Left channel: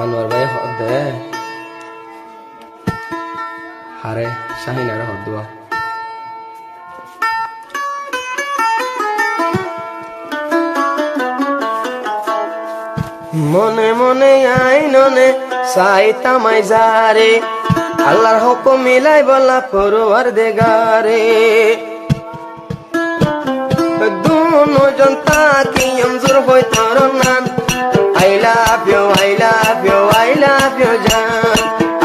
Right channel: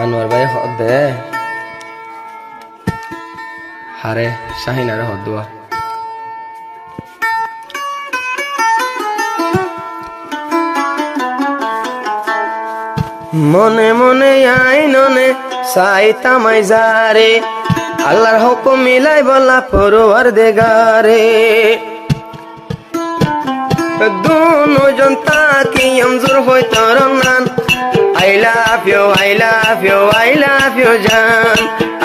আনোয়ার ভাই হদ দে হারে শাহিনারে হদ দোয়া মনে মনে আইননে সাইতামাই যারে আল্লাহর হুকুম মিলাই বলা পরওয়ারদিগারে দুজন তাকি আমজুর হই তোর নাম I love you, I love you, I love you, জান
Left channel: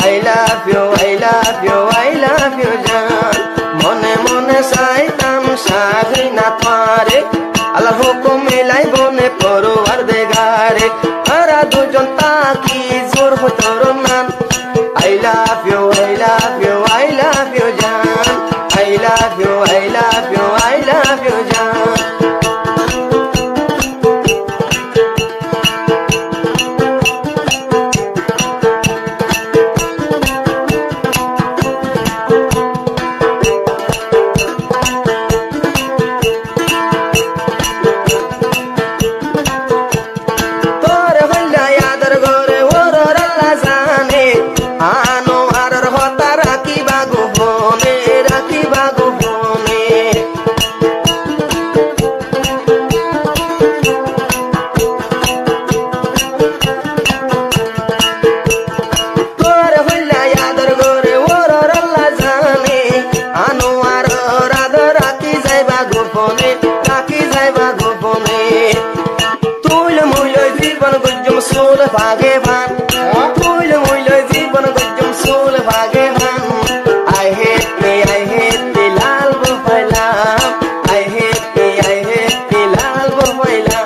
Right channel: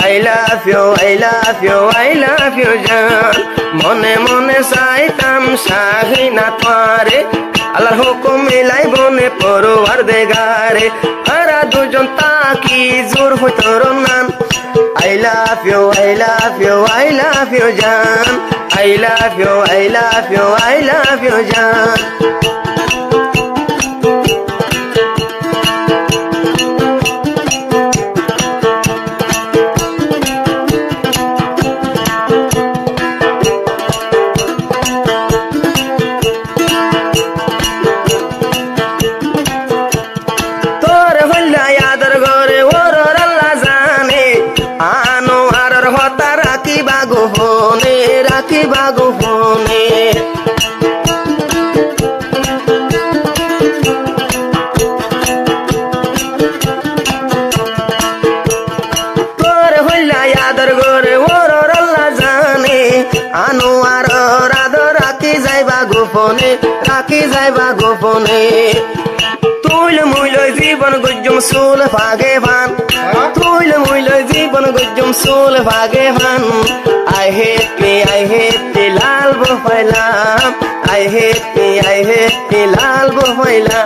I love you, I love you, I love you, জান মনে মনে চাইতাম শাহিনা পারে আল্লাহর হুকুম মিলাই বনে পরওয়ারদিগারে তারা দুজন তাকি জোর হই তোর নাম I love you, I love you, I love you, জান I love you, I love you, I love you, জান Soul Bhagavan, Tul Mula Zibon Gujum Soul Bhagavan. I hate me, Lal Bufala. I hate me, Lal Bufala.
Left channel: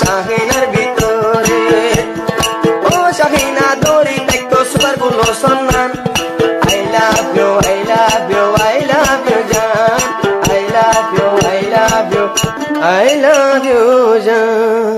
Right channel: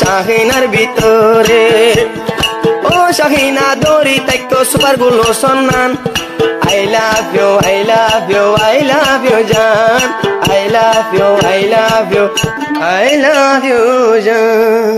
শাহিনার ভিতরে ও শাহিনা দড়ি তাইকো super গুলো সন্ধান I love you, I love you, I love you জান I love you, I love you, I love you জান